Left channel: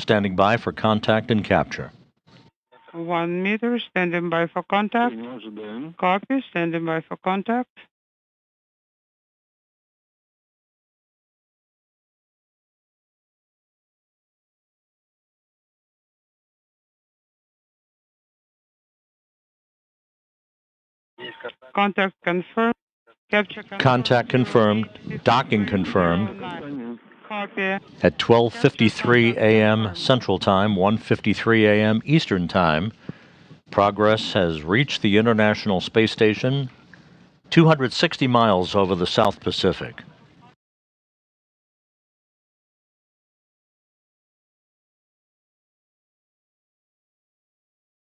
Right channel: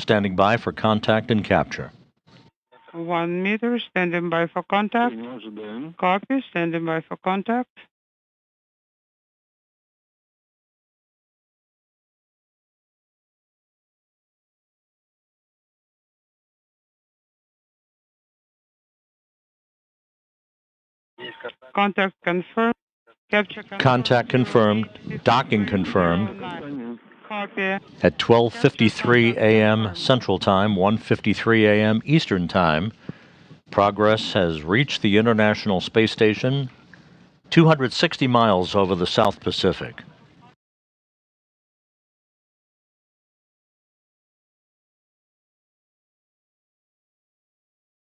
standing by for contact and capture. 1 meter, standing by for contact. Copy, standing by for contact. Contact confirmed. Capture confirmed. Contact confirmed. Docking confirmed. Copy. At 12:53 a.m. Central Time, 1:53 a.m. Eastern Time, Progress has reached the International Space Station 260 miles over the South Pacific.